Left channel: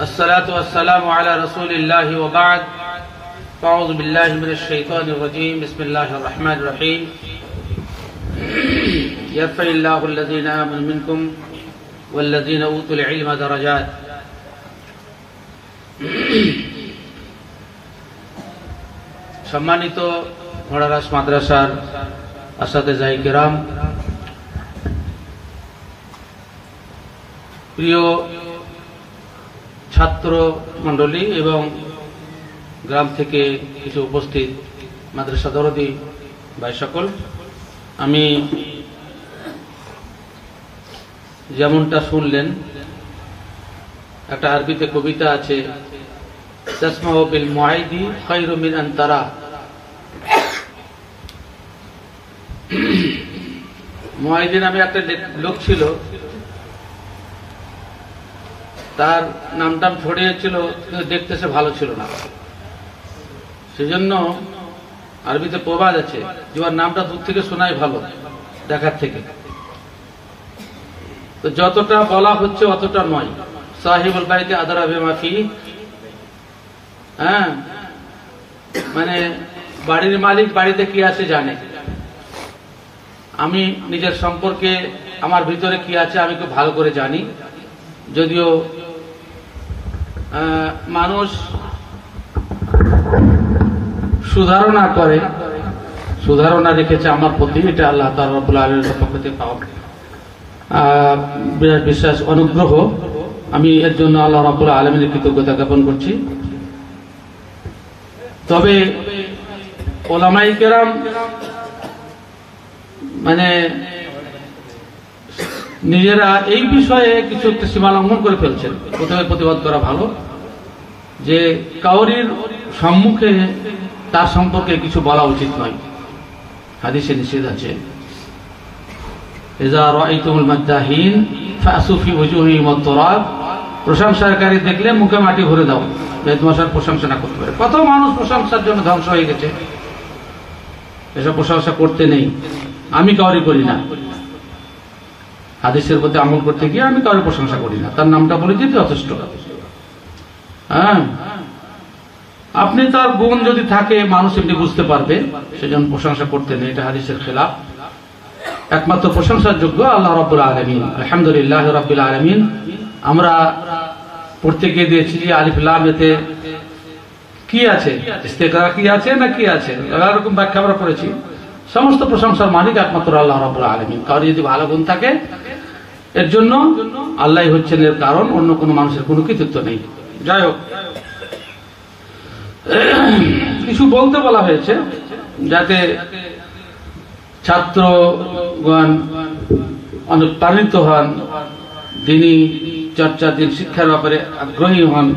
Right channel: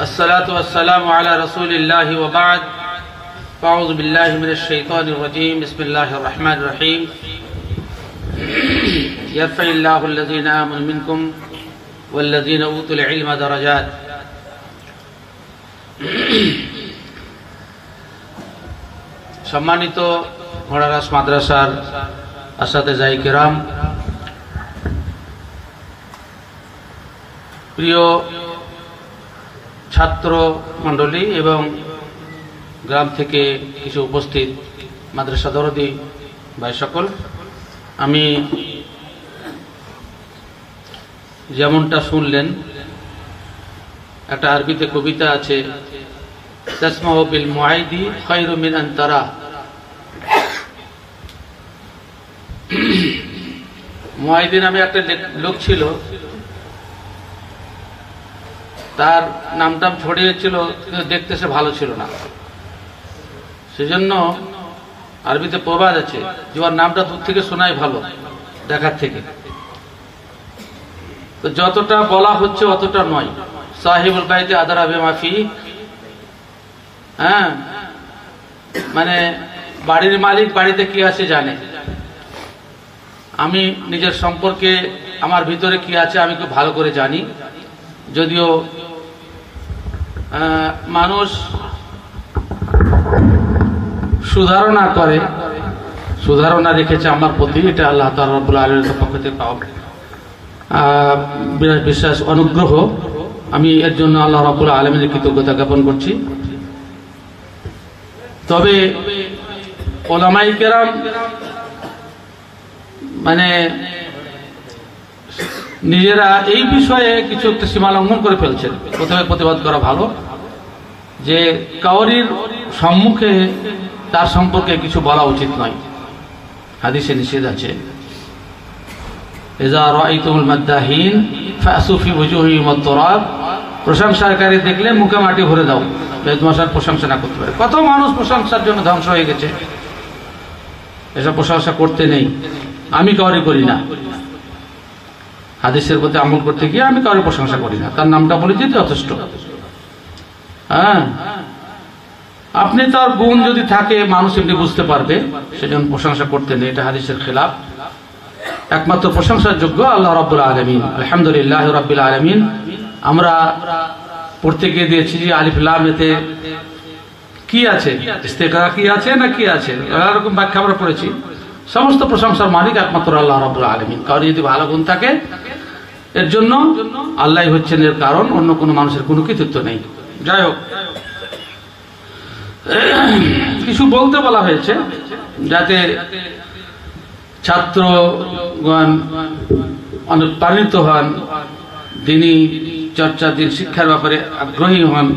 الصلاة والسلام على رسول الله وبعد فأعوذ بالله من الشيطان الرجيم بسم الله الرحمن الرحيم يرفع الله الذين آمنوا منكم والذين أوتوا العلم درجات সম্মানিত ঘোড়ারাস মাদ্রাসার আসাতেজায়ে কিরাম, প্রিয় ছাত্র মণ্ডলী এবং গ্রাম থেকে কিছু উপস্থিত মাদ্রাসা দরদি ভাই সকল, আমি যেমনটা শুনলেন, একটা আরবিতে কবিতা আছে, তাসমাউ বিল মুআইদি খায়রু মিন আন তারা। মুআইদি নামে একটা লোক ছিল, তার নামটাম ছড়িয়েছিল, কিন্তু দেখতে সে ভালো ছিল না। সেজন্য আরবিতে প্রবাদ আছে যে ওর নামটা দূর থেকে শোনাই ভালো দেখার থেকে। তো যতটা বলা হচ্ছে অতটা নয়। সাহিবুল বাইতে আদরা বিমা ফি, হ্যাঁ, মানে বাড়ির মালিক বাড়িতে কি আছে জানে। আমি নিজের সম্পর্কে আমার ভিতরে কি আছে আমি খুব ভালো করে জানি। যদিও মানুষ সুধারণা করে, সুধারণা রেখেছে আমার প্রতি, এটা আল্লাহ তাআলা রাব্বুল আলামিনের পক্ষ থেকে পাওয়া বিরাট বিশ্বাস অনুগ্রহ। আমি এর জন্য আল্লাহ রাব্বুল আলামিনের কৃতজ্ঞতা জ্ঞাপন করছি। তবে উলামায়ে কেরাম মানে নিজেরা এই বিষয়ে কিছু একটা সীমা লঙ্ঘন করে ফেলছেন। প্রথমে প্রতিবাদ করা ভালো যে কাউরির সম্মুখে তার সম্পর্কে কিছু বলা উচিত নয়, হাদিসে নিষেধ আছে। ইযা রাআইতুমুল মাদ্দাহিন ফাসু ফি ওজুহিহিম আত-তুরাব, প্রশংসাকারী দেখলে মুখে মাটি ভরে দাও, বেদমশার প্রশংসা না করতে পারে। কত মানুষ প্রশংসার জন্য ধ্বংস হয়ে গেছে। এসব প্রশংসা করতে নেই, আমি কাউরি করি না। হাদিসের প্রতি আমল করতে গিয়ে আমি কারোর প্রশংসা করি না, তার নামটা বলে দিতে যথেষ্ট। হ্যাঁ, আপনি তার গুণ যদি থাকে মানুষ এমনি বুঝতে পারবে, সেজন্য প্রশংসা করতে নেই, এটা হাদিসের খেলাফ। একমাত্র প্রশংসার যোগ্য আল্লাহ রাব্বুল আলামিন। আলহামদুলিল্লাহ রাব্বিল আলামিন। আমরা পড়তে গিয়ে দিয়েছি যে আলিফ লাম এতে কি আছে, ইস্তেগরা কি আছে না কি আছে, এরকম ব্যাখ্যা আমরা করেছি। সমস্ত প্রশংসার মালিক একমাত্র আল্লাহ রাব্বুল আলামিন। কারো যদি ভালো গুণ থাকে এর জন্য আল্লাহই হচ্ছেন এর কারণ, অন্য কোনো মানুষের কোনো কৃতিত্ব নেই। যাই হোক, কিছু বলতে বলা হয়েছে যাতে ছাত্রগণ অনুপ্রাণিত হন, দিনী চর্চা, দিন শিক্ষার ব্যাপারে আগ্রহী হন।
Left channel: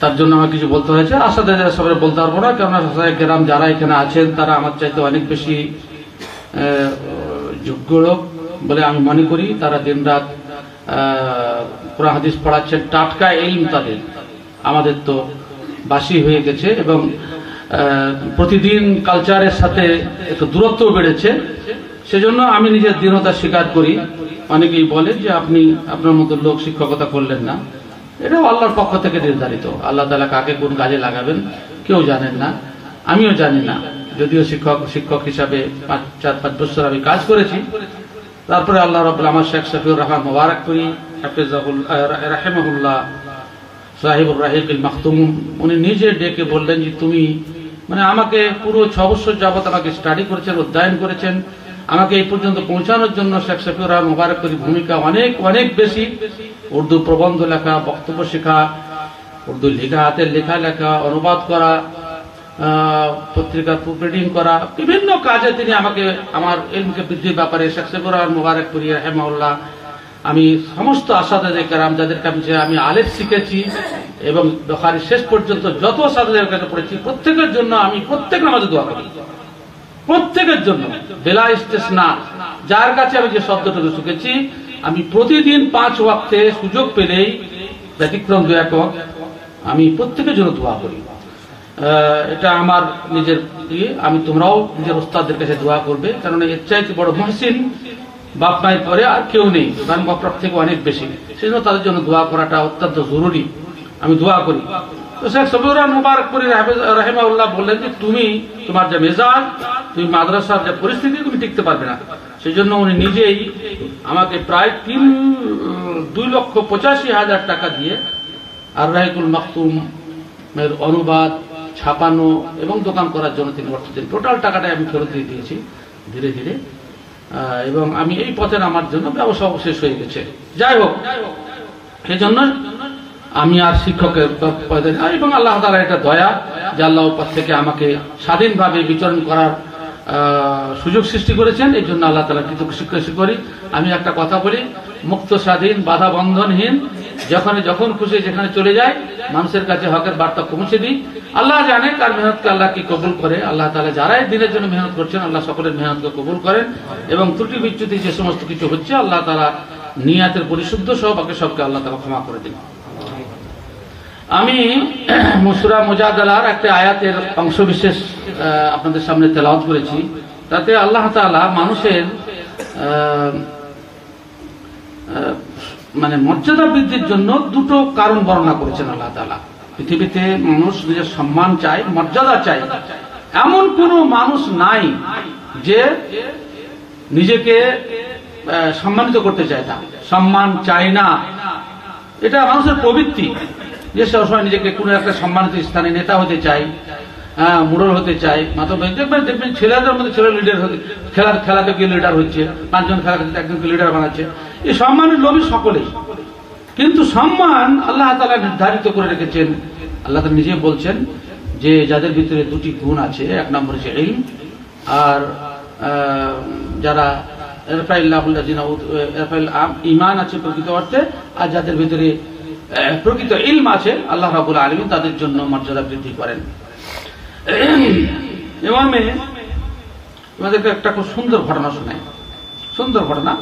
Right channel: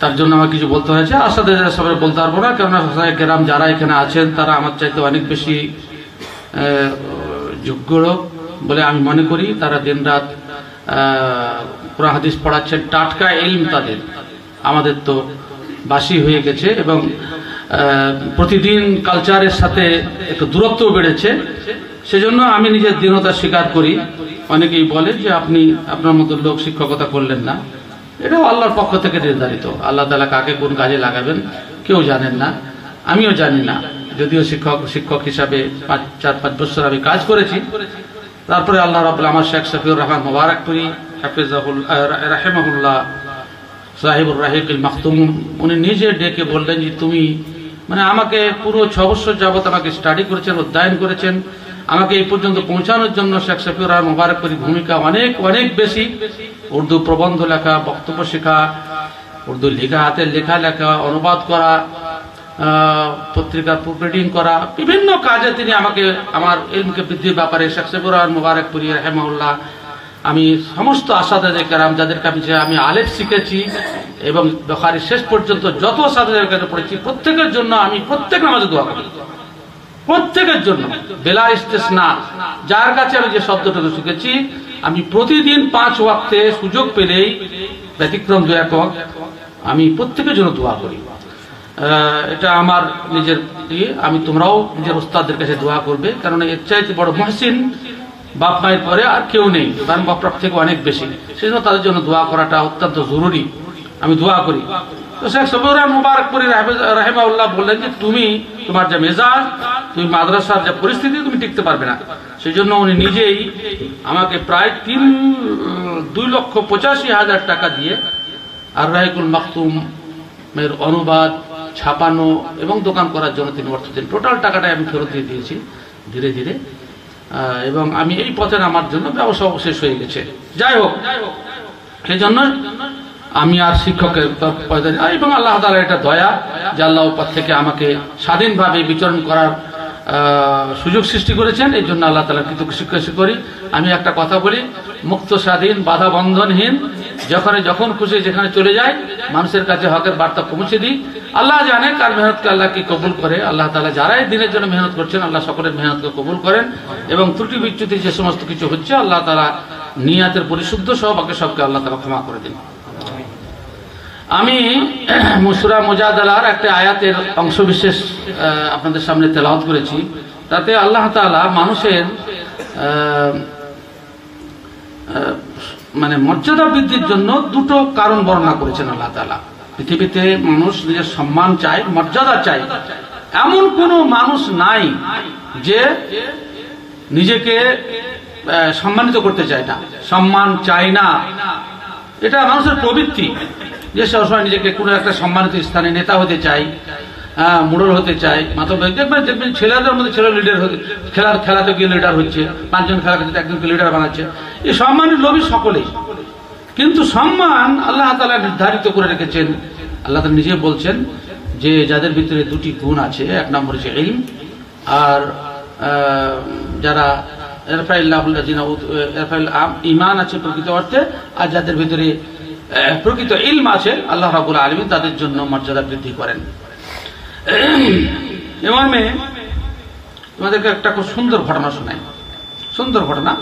তার জন্য আমার কিছু বলতে হয়েছে। আসাদে সবাই বলতে পারবো না, কেননা গ্রাম যারা এখানে আছেন তারা আমার চাইতে অনেক বেশি যোগ্য লোক বলে আমি মনে করি। তারা দিন রাত কোরআন হাদিস পড়াচ্ছেন, টাটকা ইলম তাদের। আমাদের তো বাসি হয়ে গেছে এবং প্রতিদিন কালচারের সাথে একটু দূরত্ব বেড়েছে। সেজন্য আমি নিজের দীনতা স্বীকার করি। অনেকেই বলে যে আপনি আপনার মতো লোক শিক্ষকতা করলেন না। এটাও আল্লাহর পক্ষ থেকে নির্ধারিত। আল্লাহ তাআলা কাকে কোন কাজে লাগাবেন কেউ জানেন না, আমিও জানি না। যদিও শিক্ষক হিসাবে 4-5 বছর আমি কাজ করেছি, তারপরে আল্লাহ রাব্বুল আমার শেখ শফিউর রহমান মুবারকপুরি রাহিমাহুল্লাহ সাহিবুর রাহিকুল মাখতুম, উনি নিজে ডেকে বললেন যে তুমি মানে আমাকে পুরো 6 বছর যাবত আমাকে স্টাডি করেছেন, অধ্যয়ন করেছেন, আমাকে এই পর্যন্ত পৌঁছানোর জন্য শেখ শফিউর রহমান মুবারকপুরির ভূমিকা অনেক অনেক বেশি। উর্দু প্রবন্ধ লেখা, বক্তব্য শেখা, উর্দু লেখা, হাতের লেখা লেখা, অনুবাদ করা, পত্রিকার প্রুফ রিডিং করা, বিভিন্ন কাজে তিনি আমাকে আমার ইলমকে বৃদ্ধির ব্যাপারে শেখ শফিউর রহমান মুবারকপুরি রাহিমাহুল্লাহ, আমি সমস্ত আসাদায়ে কেরাম যাদের কাছে আমি আলেফ শিখেছি এবং বুখারী শেষ পর্যন্ত যত আসাদাদের কাছে পড়েছি, প্রত্যেকের জন্য আমি প্রত্যেক নামাজে দোয়া করি, প্রত্যেকের জন্য বেলা ইস্তেসনা। যার কাছে আমি যে শব্দটুকু শিখেছি আমি প্রতিদিন 5 ওয়াক্তে সুযোগ পেলেই ব্যতিক্রম 2-1 ওয়াক্ত আমি প্রত্যেকের জন্য দোয়া করি। এটা আমার নিজের, আমি তোমরাও নিজের উস্তাদদের কাছে দোয়া করবে, কারণ এর চাইতে বড় মুহসিন বাপ মায়ের পরে আর কেউ নেই, কারণ বাপ থেকে অনেক বেশি, সেই জন্য তাদের জন্য দোয়া করাটা অত্যন্ত জরুরি। আমি দোয়া করি। তো শেখ সফিউর মুবারকপুরি রাহিমাহুল্লাহ বললেন যে তুমি তোমার যে মেজাজ, তুমি মাদ্রাসার যে পরিস্থিতি, তুমি টিকতে পারবে না। সেই জন্য উনি নিজেই আমাকে প্রায় 2,85,000 টাকা দিয়ে আর রাহিকুল মাকতুমের অনুবাদ, ছাপানো এবং দোকান করার জন্য তিনি অর্থ দিন। টোটাল টাকাটাই আমি ফেরত দিয়ে দিয়েছি ধীরে ধীরে, এবং আমি এই পথে আমার জন্য ব্যবসা শেষ হয়ে গেছে। যাই হোক, সেই জন্য আমি আর শিক্ষকের এবং আল্লাহ তাআলা এটা দয়া যে আল্লাহ পথ থেকে আমাকে স্বাধীনভাবে বিচরণ করার সুযোগ সৃষ্টি করেছেন। এই জন্য আল্লাহ তাআলা কৃতজ্ঞতা করি। আমি একটা কথা বলি, মুক্ত স্বাধীন বাধা বন্ধনহীন যখন খুশি যেখানে চলে যায়, মানুষের কাছে হকের বার্তা পৌঁছে দিই। আল্লাহ জানে কার মেহনতকে আল্লাহ কি কবুল করে। আল্লাহ তাআলা যারাই দিনের জন্য মেহনত করছেন, আল্লাহ সকলের মেহনতকে কবুল করেন, এবং ত্রুটি বিচ্যুতি যে সমস্ত কিছু হচ্ছে, আল্লাহ তাআলা নিয়াতের পরিশুদ্ধ সহ বাকি সবকে আল্লাহ তাআলা ক্ষমা করে দিন। আমি সূরা মুজাদালার একটা আয়াতের অংশ বিশেষ আপনাদের সামনে তেলাওয়াত করেছি। তাতে আল্লাহ তাআলা মানুষের মানে মর্যাদা বৃদ্ধির জন্য দুটো কারণ বর্ণনা করেছেন আল্লাহ তাআলা। পৃথিবীতে মানুষ নিজের সম্মান চায়, মর্যাদা চায়, এমন কোন মানুষ নাই যে নিজেকে সম্মানিত করতে চায় না, সম্মান চায় না। এটা মানুষের প্রবৃত্তি যে সবসময় নিজেকে কোনো একটা সম্মানিত স্থানে নেতা হতে চায়, মোড়ল হতে চায়, দেখবেন ছেলেদের মধ্যে ছেলে লিডার হতে, খেলাতে গিয়ে লিডার হচ্ছে, 5 জন খেলা খেলতে একজনকে লিডার বানাচ্ছে। এই সম্মানের লোভী সকলেই, কিন্তু সম্মান আল্লাহ তাআলা নির্ধারিত করে রেখেছেন। আল্লাহ তাআলা নিজে বলছেন যে যাদের ভিতরে দুটি গুণ আছে, এক নম্বর হচ্ছে ইলম, আর যারা ঈমান আছে প্রকৃত অর্থে, আর যাদের ভিতরে প্রকৃত ইলম আছে, আল্লাহ রাব্বুল আলামিন তাদের জন্য মর্যাদা বৃদ্ধি করেন। এমর্মে তোমাদেরকে একটা খুব সুন্দর ঘটনা শোনাই, সুন্দর ঘটনা,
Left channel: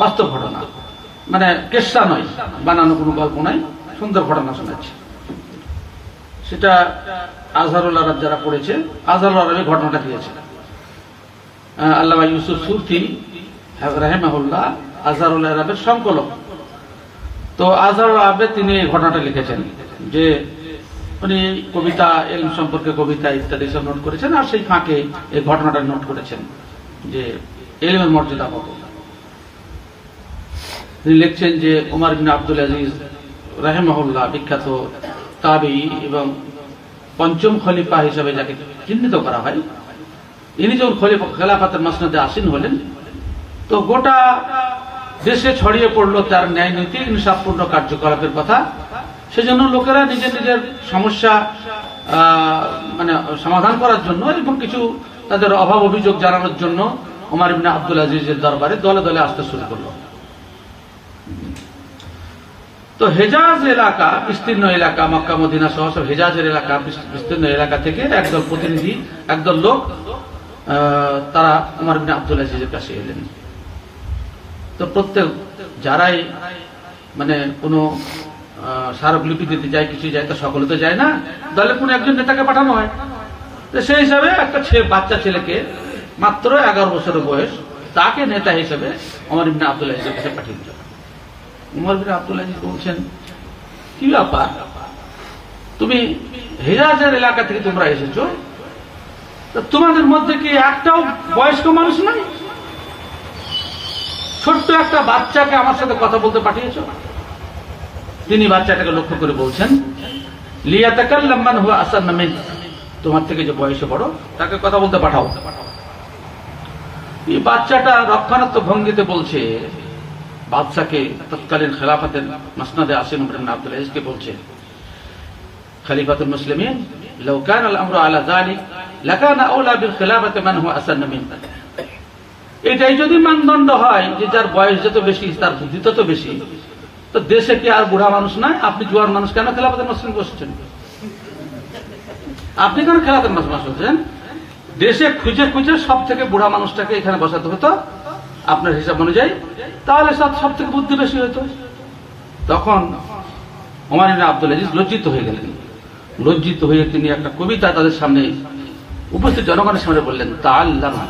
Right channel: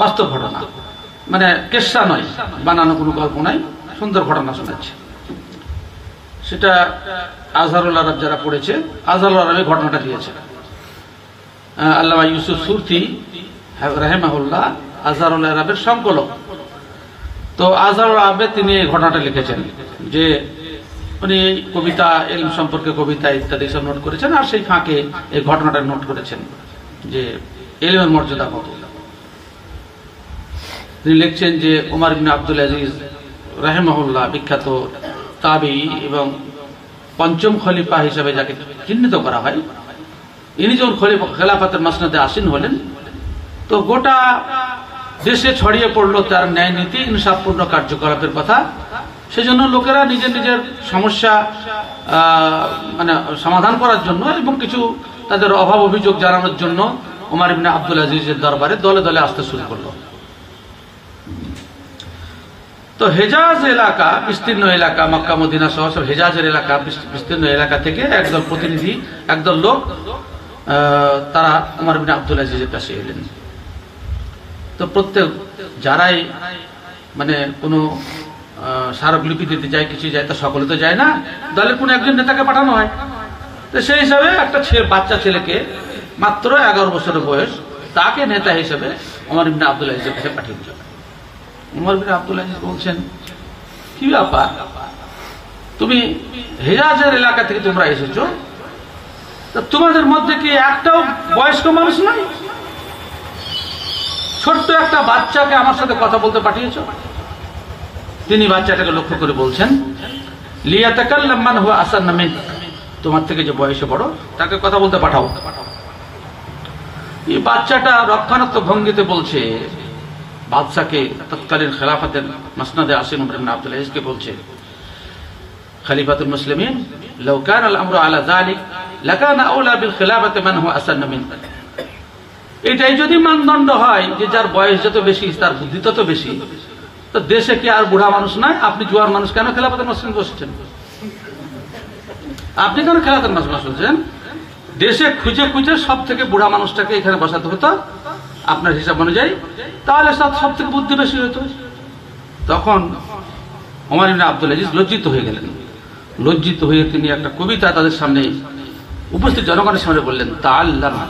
বাস্তব ঘটনা, মানে কেসা নয়, বানানো কোনো গল্প নয়, সুন্দর ঘটনা শোনাচ্ছে। সেটা আজহারুল আরব যারা পড়েছে, আজহারুল আরবে ঘটনাটা দিয়েছে। আল্লামা ইউসুফ সুরতি রাহিমাহুল্লাহ আজহারুল আরবের সংকলক। তো আজহারুল আরবে তিনি এই ঘটনাটা লিখেছেন যে উনি কবিতা, ইলম সম্পর্কে কবিতা ইত্যাদি সব নোট করেছেন, আর সেই ফাঁকে এই ঘটনাটা নোট করেছেন যে ইলমের মর্যাদা কত। তিনি লিখছেন যে ওমর ইবনে আব্দুল আজিজ রাহিমাহুল্লাহ, বিখ্যাত তাবেঈ এবং ৫ম খলিফা হিসেবে যাকে চিহ্নিত করা হয়, ইনি যখন খেলাফতের মাসনাদে আসীন হলেন, তো গোটা দেশে ছড়িয়ে পড়লো তার ন্যায় নীতি, ইনসাফপূর্ণ কার্যকলাপের কথা। সেজন্য লোকেরা নিজের নিজের সমস্যা মানে সমাধান করার জন্য এবং কিছু তাদের অভাব অভিযোগ জানানোর জন্য ওমর ইবনে আব্দুল আজিজের দরবারে দলে দলে আসতে শুরু করলো। তো হেজাজ এলাকা, বিস্তীর্ণ এলাকা, মক্কা মদিনা সহ সব হেজাজের এলাকা, বিস্তীর্ণ এলাকা থেকে একদল প্রতিনিধি, একদল লোক, তারা ওমর ইবনে আব্দুল আজিজের কাছে এলেন। তো প্রত্যেক যারাই মানে কোনো স্মারকলিপি দিতে যায়, কিছু যায়, তা সকলে তো যায় না, দলে কোনো একজন নেতাকে পাঠানো হয়। তো সেই হিসাবে একটা বাচ্চা ছেলেকে, মাত্র 11 বছরের বয়স, তাকে নেতা হিসেবে ওমর ইবনে আব্দুল আজিজের কাছে পাঠিয়ে দিল। ওমর ইবনে আব্দুল আজিজ বলছেন, কি ব্যাপার, তুমি হেজাজের এলাকা থেকে তোমরা এসেছো, তোমাদের মধ্যে কি একটাও বয়স্ক মানুষ নাই? ছোট্ট একটা বাচ্চাকে আমার সাথে কথা বলতে পাঠিয়েছ? তিনি বাচ্চাটাকে লক্ষ্য করে বলছেন, লিয়াতাকাল্লাম মান হুয়া আসান্না মিন, তোমার থেকে যে বয়সে বড় তাকে কথা বলতে পাঠাও। এই বাচ্চাটা রক্ষণাত্মক ভঙ্গিতে বলছে, বাদশাকে, তৎকালীন খেলাফতের মাসনাদে আসীন ওমর ইবনে আব্দুল আজিজকে বলছে, খলিফাতুল মুসলিমিন লাউ কানা আল আমরু আলা যালিক লাকানা আওলা বিল খিলাফাতি মান হুয়া আসান্না মিন। এটাই যদি মানদণ্ড হয় যে যার বয়স যত বেশি তার বুদ্ধি তত বেশি, তো দেশে কি আর বুড়া মানুষ নাই? আপনি জোয়ান মানুষ কেন খেলাফতের মাসনাদে বসেছেন? আপনি কেন খেলাফতের মাসনাদে বসেছেন? দেশে খুঁজে খুঁজে সব থেকে বুড়া মানুষটাকে এখানে বসাতে হতো আপনার হিসাব অনুযায়ী, তাহলে সব থেকে বুদ্ধি বেশি হতো। তখন ওমর ইবনে আব্দুল আজিজ লজ্জিত হয়ে গেলেন। লজ্জিত হয়ে তিনি একটা কবিতা তাদের সামনে, উপস্থিত জনগণের সামনে বললেন, তাআল্লামা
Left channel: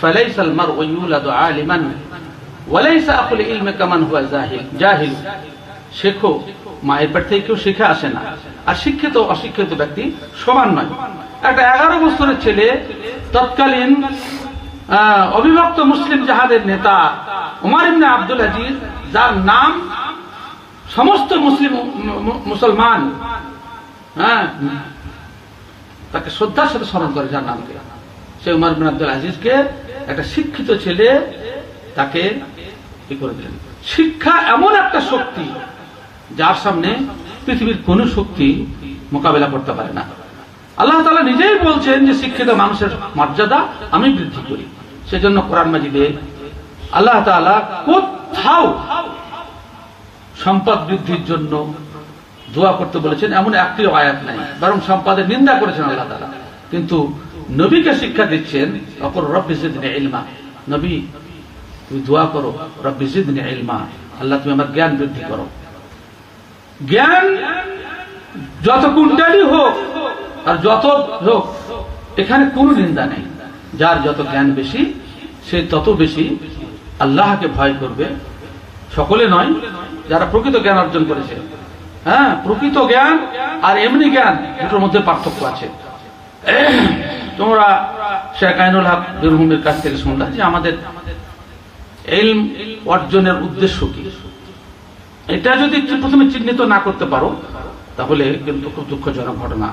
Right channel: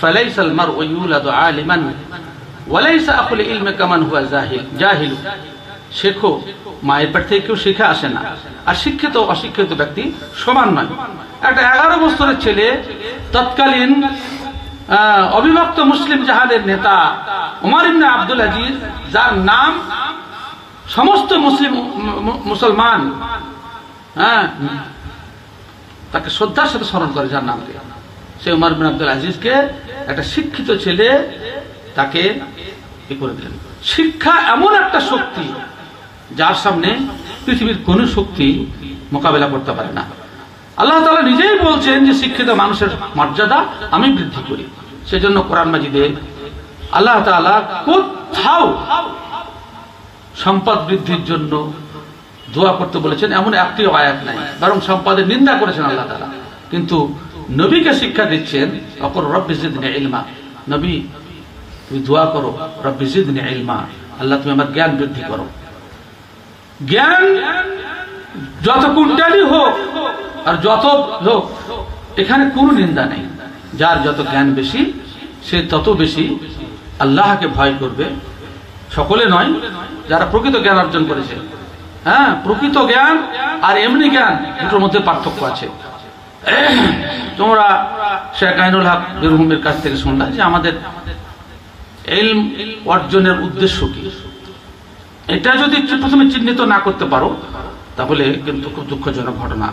ফালাইসাল মারউ ইউলাদু আলিমান ওয়ালাইসা আকুল ইলমে কামান হুয়া জাহিল। শেখো, মায়ের পেট থেকে কেউ শিখে আসে না, আর শিক্ষিত অশিক্ষিত ব্যক্তি সমান নয়। একটা 11 বছরের ছেলে তৎকালীন অবিভক্ত মুসলিম জাহাদের নেতা উমর ইবনে আব্দুল আজিজ, যার নাম সমস্ত মুসলমান তাকে শ্রদ্ধার সাথে স্মরণ করে, যার নাম সে উমর ইবনে আব্দুল আজিজকে একটা শিক্ষিত ছেলে তাকে কি করে দিলেন। শিক্ষা এমন একটা শক্তি যার সামনে পৃথিবীর কোন শক্তি মোকাবেলা করতে পারে না। আল্লাহ তাআলা নিজেই বলছেন যে শিক্ষিত মানুষের মর্যাদা আমি বৃদ্ধি করি। সেজন্য কোরআন মাজিদে আল্লাহ তাআলা কোথাও সম্পদ বৃদ্ধির জন্য দোয়া করতে বলেছেন এমন একটিও আয়াত নাই, বরং সম্পদের নিন্দা করেছেন আল্লাহ তাআলা। কিন্তু নবীকে শিক্ষা দিচ্ছেন অকর রব্বি জিদনি ইলমা, নবী তুমি দোয়া করো রব্বি জিদনি ইলমা, আল্লাহ তুমি আমার জ্ঞান বৃদ্ধি করো। জ্ঞান যত কুইন্টালই হোক আর যত হোক, এখানে কোনো নিন্দা নেই। যার যত জ্ঞান বেশি সে তত বেশি আল্লাহকে ভয় করবে। সকলে নয়, যারা প্রকৃত জ্ঞান অর্জন করেছে। হ্যাঁ, প্রকৃত জ্ঞান আর এমনি জ্ঞান দুটোর মধ্যে পার্থক্য আছে। তোমরা শেখ আইনুল হক বেরহুমের কাছ থেকে শুনলা যে আমাদের ইলম অর্জনের উদ্দেশ্য কি, এটা যদি প্রথমে চিহ্নিত না করতে পারো তাহলে কিন্তু খুব দুঃখজনক ঘটনা,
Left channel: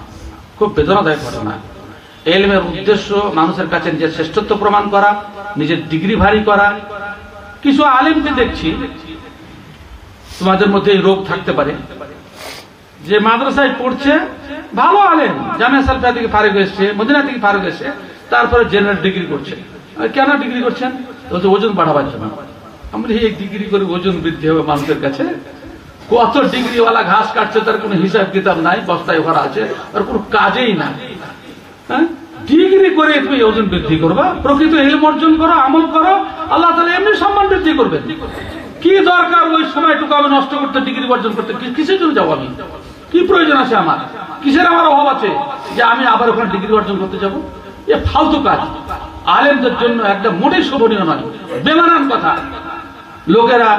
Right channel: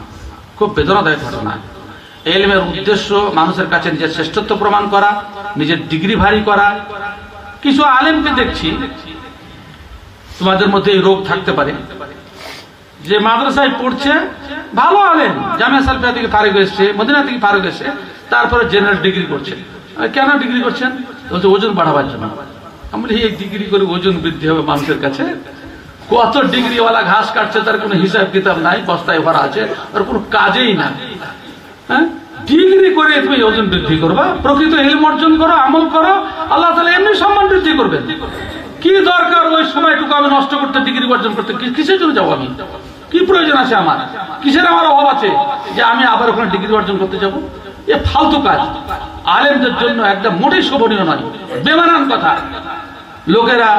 খুব বেদনাদায়ক ঘটনা। ইলমের উদ্দেশ্য মানুষের কাছে নিজের শ্রেষ্ঠত্ব প্রমাণ করা, নিজের ডিগ্রি ভারী করা। কিছু আলেমকে দেখছি, তোমাদের মধ্যে এই রোগ থাকতে পারে, যে মাদ্রাসায় পড়ছে, ভালো আলেম, জামিয়া সালফিয়া থেকে ফারিগ এসছে, মদিনা থেকে ফারিগ এসছে, তারপরে জেনারেল ডিগ্রি করছে। কেন ডিগ্রি করছেন? বলছে ওজন বাড়াবার জন্য। আমরা এই ডিগ্রি করে ওজন বৃদ্ধি হবে মানুষের কাছে? কত ডিগ্রিওয়ালা ঘাস কাটছে, তার কোনো হিসাব কিতাব নাই, বস্তায় ভরা আছে, আর কোনো কাজেই না। হ্যাঁ, ডিগ্রি করে তুমি ওজন বৃদ্ধি করবা? প্রকৃত ইলম অর্জন করো, আমল করো, আল্লাহ তাআলা এমনি সম্মান বৃদ্ধি করবেন। কি দরকার ওই সময়টুকু আমি নষ্ট করতে, ডিগ্রি অর্জন করতে? কিসের জন্য যাবো আমি? কি প্রয়োজন আছে আমার? কিসের আমার অভাব আছে যে আমি আবার ওখানে ডিগ্রি অর্জন করতে যাব? এ ফালতু কাজ, আলেমদের জন্য একদম মোটেই শোভনীয় নয়, বেমানান কথা। লোকেরা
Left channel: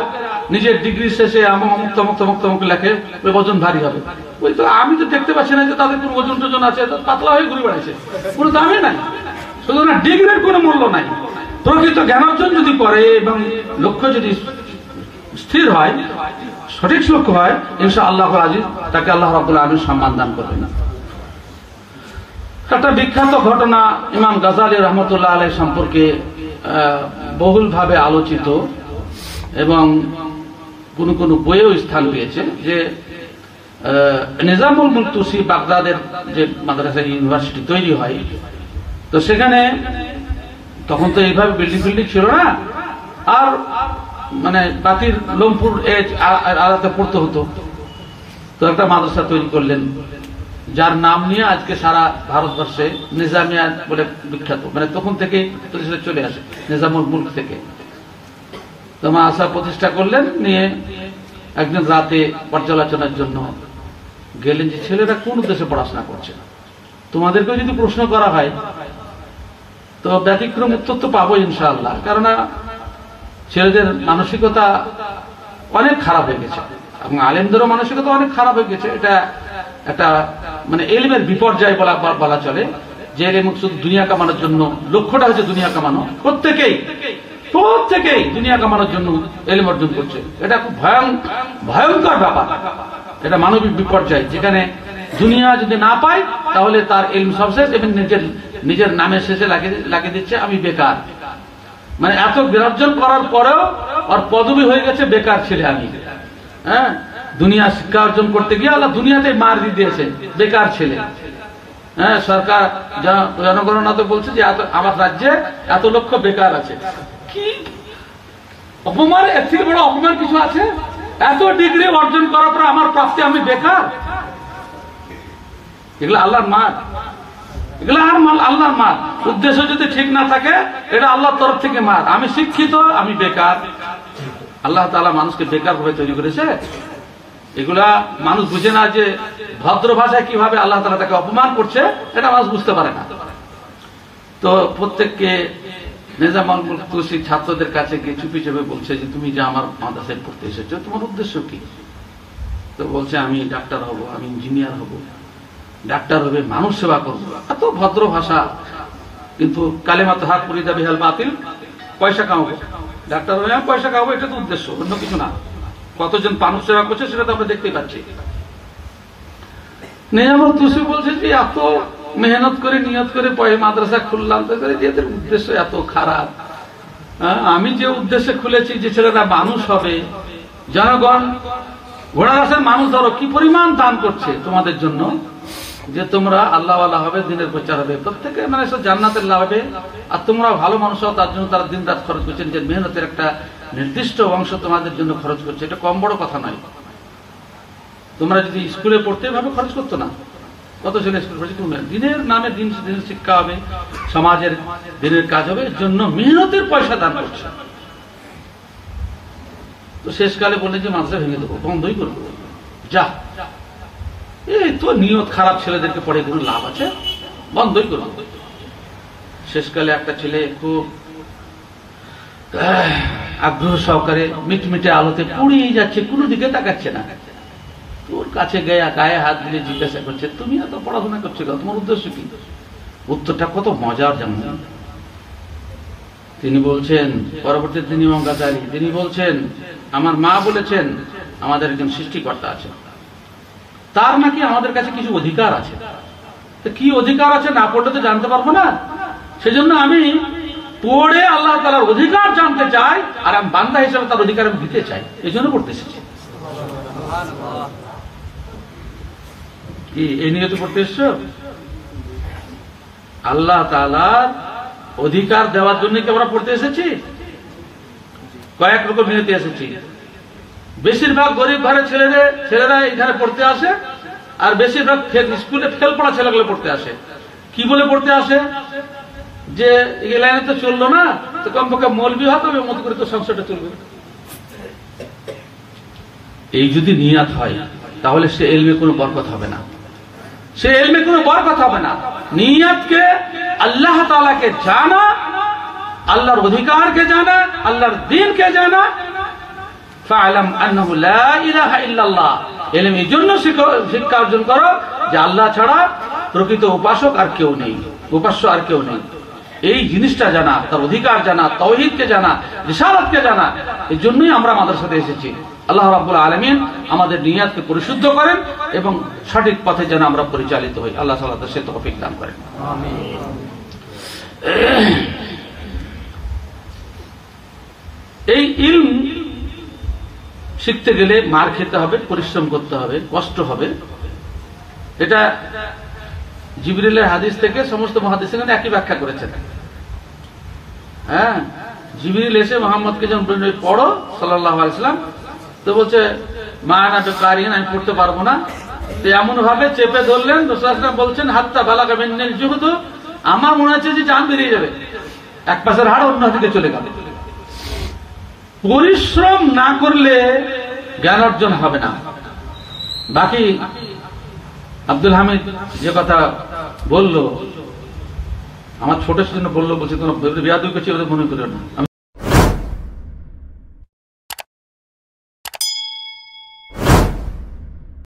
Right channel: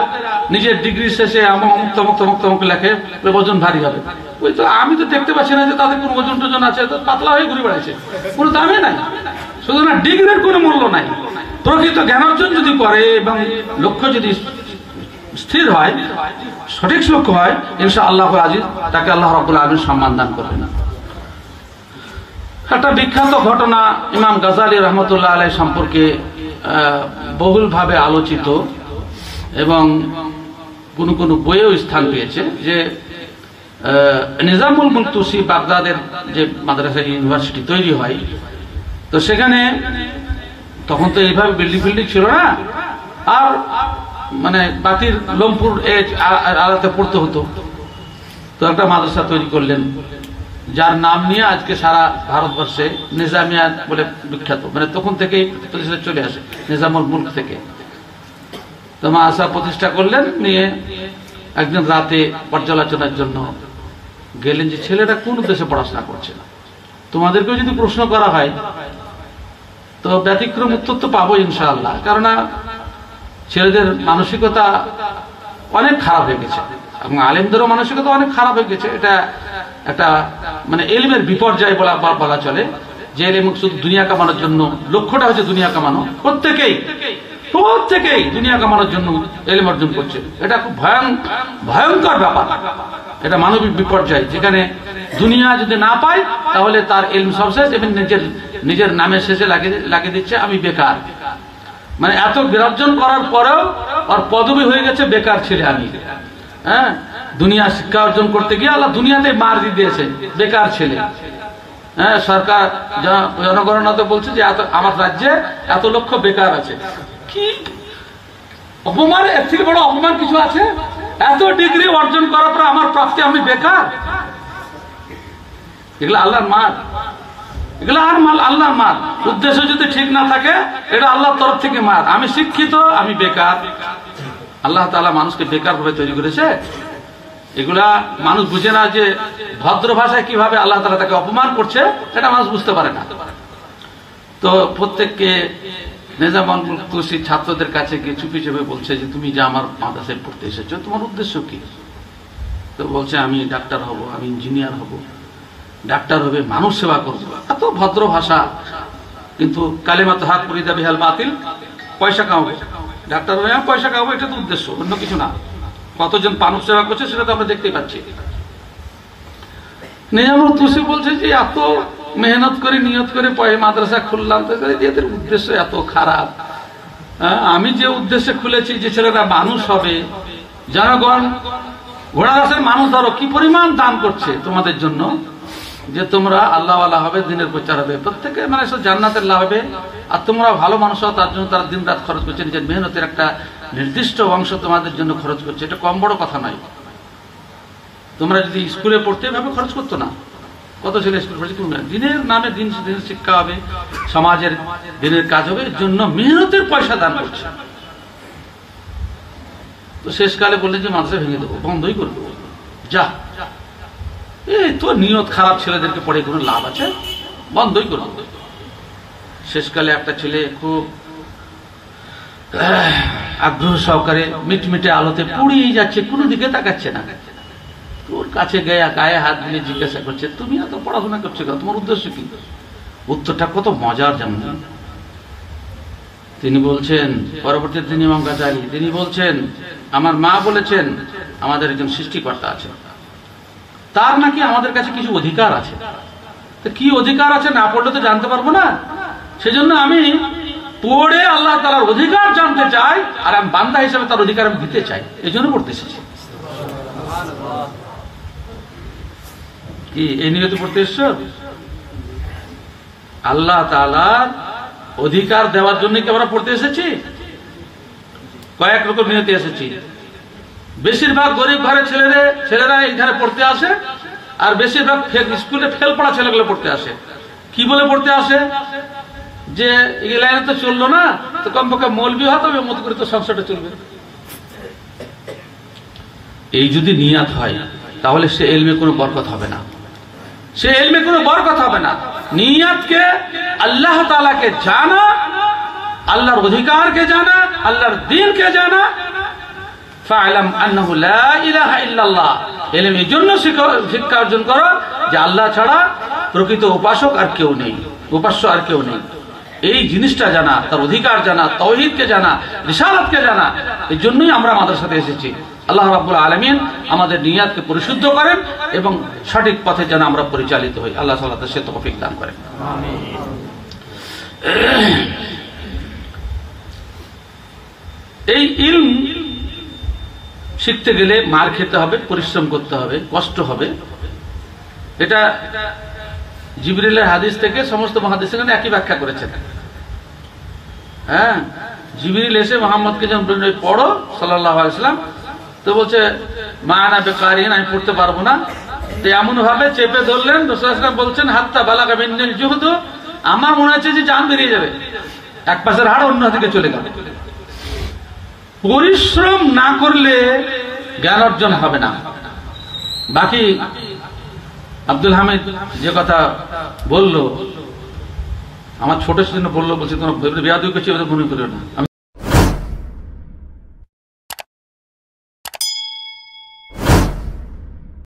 নিজের ডিগ্রি শেষে মুক্ত লেখে ওজন ভারী হবে। ওই তো আমি তো দেখতে পাচ্ছি না যে তাদের কোন ওজন টোজন আছে, পাতলা হয়ে ঘুরে বেড়াচ্ছে, কোনো দামে নাই। সুতরাং ডিগ্রির কোনো মূল্য নাই। প্রকৃত জ্ঞানার্জন যদি করে এবং লক্ষ্য যদি স্থির হয়, সঠিক লক্ষ্য হয়, ইনশাআল্লাহ আজিজ তাকে আল্লাহ রাব্বুল আলামিন সম্মান দান করবেন। একটা বিখ্যাত ঘটনা ইমাম গাজালি রহমতুল্লাহ আলাইহি সম্পর্কে বহুলভাবে আলোচিত এবং কোন কোন বইয়েও স্থান পেয়েছে, যে নিজামুল মুলক তুসি বাগদাদের যে মাদ্রাসা ইউনিভার্সিটি তৈরি হয়, তো সেখানে তখন তো এইভাবে বিল্ডিং ছিল না, আর মানে বাতির লোমপুর আলাদা পড়তে হতো। তো একটা মাদ্রাসা তৈরি করলেন, যার নাম নিয়ে আজকে সারা ভারতবর্ষে নিজামিয়া বলে বিখ্যাত, মানে তখন থেকেই চলে আসে নিজামুল মুলক থেকে। তো মাদ্রাসা প্রতিষ্ঠা করলেন, নিয়ে একদিন রাতে পর্যালোচনার জন্য গেলেন যে ছেলেরা কোন দেশে পড়াশোনা করছে। তোমাদেরকেও যদি প্রশ্ন করা হয় তো ব্যতিক্রম উত্তর তো পাবো ইনশাআল্লাহ, কেননা ছেলেদের মানসিকতা অনেক খারাপ হয়ে গেছে এবং আলেমদেরও মানসিকতা অনেক খারাপ হয়ে গেছে। এটা একটা মানে ইলমের বিপর্যয় বলা চলে, যে ইলম শুধু দুনিয়া কামানোর জন্য, লক্ষ্যটা হচ্ছে দুনিয়া কামানো। প্রত্যেকেই দুনিয়া কামানোর জন্য ইলম অর্জন করছে। এটা খুব ভয়ঙ্কর ব্যাপার, এটা মানবিক বিপর্যয়, যেখানে দুনিয়া যদি না পায় তাহলে তার ইলম সব শেষ এবং নিজের নামের শেষে লাগিয়ে দিচ্ছে আমি বেকার। মানে এত অর্জন করার পরেও ওর পদবী হয়ে গেছে বেকার ছেলে আমি। হ্যাঁ, দুনিয়া শিক্ষা অর্জন করতে গিয়ে আল্লাহ দুনিয়াতে মার দিয়ে দিয়েছে বেকার ছেলে। হ্যাঁ, সরকার জনগণনা তো বলছে যে আমার রাজ্যে এত লক্ষ বেকার আছে। কি অপমান, এর থেকে বড় অপমান কিছু আছে? এত ডিগ্রি অর্জন করার পর আমার প্রাপ্তি আমি বেকার। এগুলো আল্লাহর মার, এগুলো আর আল্লাহর মার। উদ্দেশ্য যদি ঠিক না থাকে এটা আল্লাহর তরফ থেকে মার। আমি শিক্ষিত, আমি বেকার। আল্লাহ তাআলা মানুষকে বেকার ভাবে তৈরি করেছে। এগুলা মানুষ বুঝে না যে ভদ্র ভাষায় কিভাবে আল্লাহ তাআলা তাকে অপমান করছে, এটা মানুষ বুঝতে পারে না। তো প্রত্যেককে নিজামুল তুসি ছাত্রদের কাছে গিয়ে চুপি চেপে বলছে যে তুমি যে আমার মাদ্রাসায় পড়তে এসেছো তোমার উদ্দেশ্য কি? তো বলছে আমি ডাক্তার হব, আমি ইঞ্জিনিয়ার হব, ডাক্তার হবে, মানুষ সেবা করবো। এত ভদ্র ভাষা, কিন্তু কালেমা তো হাত পুরিদা বিহাল বাতিল, পয়সা কামাবো, ডাক্তার হয়ে পয়সা কামাবো, এটা তো উদ্দেশ্য, অন্য কিছু না। কতজন মানুষ সেবা করছে সেটা তো আমরা দেখতেই পাচ্ছি। নিজামুল তুসি বলছে যে এত মেহনত করে নিয়ত করে মাদ্রাসা খুললাম, এদের উদ্দেশ্য এত খারাপ। আমি যে উদ্দেশ্যে খুলেছি যে ছেলেরা মানুষ হবে, জনগণ ঘোড়া রাস্তার মানুষ ধরো কি পরিমাণ দান করছে তোমাদের জন্য, যে তোমরা আল্লাহ আল্লাহ হবে, দিনের প্রচার হবে, প্রত্যেকে মানে জান্নাতের লাভ হবে, আর তোমরা ভালো মানুষ হও, তার জন্য তারা দিন রাত খরচ করছে, নিজের মেহনতের একটা নির্দিষ্ট অংশ তোমাদের জন্য খরচ করছে। এটা কম বড় কথা নয়। তোমরা যদি স্কুলে পড়তে এভাবে খরচ করতো না, কত ছেলে স্কুল পড়ছে, দিনের নামে দিন শিক্ষা হবে, সমাজের দিনের কাজ হবে, এর জন্য মেহনতের পয়সা দান করছে। তো শেষকালে বললেন যে মাদ্রাসা ভেঙে দেবো, বন্ধই করবো, যা এই তো নিয়ত খারাপ, ছেলেদেরকে পড়ে কোনো লাভ আছে, বন্ধই করবো। শেষকালে একটা ছেলে খুব আগ্রহ সহকারে মিটমিটে আলোতে পুড়িয়ে যাচ্ছে, কোনো দিকে তাকাচ্ছে না। ওর কাছে গায়ে হাত দিয়ে জিজ্ঞাসা করছে, তুমি এত পড়াশোনা করছো, তোমার উদ্দেশ্য কি? উত্তরটা কত মজার জানেন? তিনি বলছেন, পরবর্তীতে তিনি ইমাম গাজ্জালী, তিনি বলছেন আমার মা বলেছেন আমাদের একজন সৃষ্টিকর্তা আছে, তার নাকি আমাদের কাছে কিছু অধিকার আছে। কি অধিকার আছে না পড়লে তো জানতে পারবো না, সেজন্য আমি পড়ে আল্লাহ তাআলার অধিকার জানতে চাই, আর আমি বান্দা হিসেবে তার অধিকার আমি দিতে চাই, এই জন্য পড়তে এসেছি। কি এই নিয়তে পড়তে এসছো? আল্লাহ তাআলার অধিকার দেওয়ার জন্য কি আমরা পড়তে এসেছি? কয়েক রকম নিয়তে এসেছি। বেশিরভাগ গরিব ঘরের ছেলেরা এইখানে পড়তে আসে, আর বেশিরভাগ স্কুলে ফেল পড়া ছেলেগুলো পড়তে আসে। কি বলে পড়তে আসে? যে এই লাইনে তো চললো না, তো কমপক্ষে মৌলবি হতে হবে, মত করে তো সংসারটা চলবে। এই যদি নিয়াত হয় তাহলে সে এলমে কোনো বরকত হবে না, সে এলমে কোনো বরকত হবে না। নিয়াতকে আল্লাহ তাআলাকে জানা, আল্লাহর অধিকারকে জানা, আল্লাহর দ্বীনকে জানা। ফা'লাম আন্নাহু লা ইলাহা ইল্লাল্লাহ, এলম এই জন্য শিক্ষা অর্জন করো যে আল্লাহ ছাড়া প্রকৃত উপাসক আর কেউ নেই, উপাস্য আর কেউ নেই। এই জিনিসটা জানা, তার অধিকার জানা, তাওহীদকে জানা, রিসালাতকে জানা। এই জন্যই আমরা মাদ্রাসাতে এসেছি। আল্লাহ রাব্বুল আলামিন আমাদের নিয়াতকে পরিশুদ্ধ করেন এবং সঠিক পথে যেন আমরা পরিচালিত হই। আল্লাহ তাআলা সে তৌফিক দান করেন। আমিন। এই ইলম শিখতে গেলে মার খেতে হবে, পরিশ্রম করতে হবে, কষ্ট হবে। এটা জিবরিলের হাদিস থেকে সমস্ত মুহাদ্দিসিন একই ব্যাখ্যা করেছেন। হ্যাঁ, জিবরিল এসে মুহাম্মদকে যখন বললেন পড়ো সাল্লাল্লাহু আলাইহি ওয়াসাল্লাম, তো বলছে মা আনা বিকারিন, আমি পড়তে পারবো না। তো এমন ভাবে চেপে ধরলেন, রাসূলুল্লাহ সাল্লাল্লাহু আলাইহি ওয়াসাল্লাম বলছেন হাত্তা বালাগা মিনাল জুহদ, আমার মনে হচ্ছে যে জান বেরিয়ে যাবে, এক পাশের হাড় অন্য দিকে চলে গেল। পরিশ্রম না করলে জ্ঞান অর্জন হবে না। বাকি আব্দুল হামিদ যে কথা বললো, আমার ছোট জন্য বললো, বলছে তোমার বেয়াদবি করছে মনে করো না।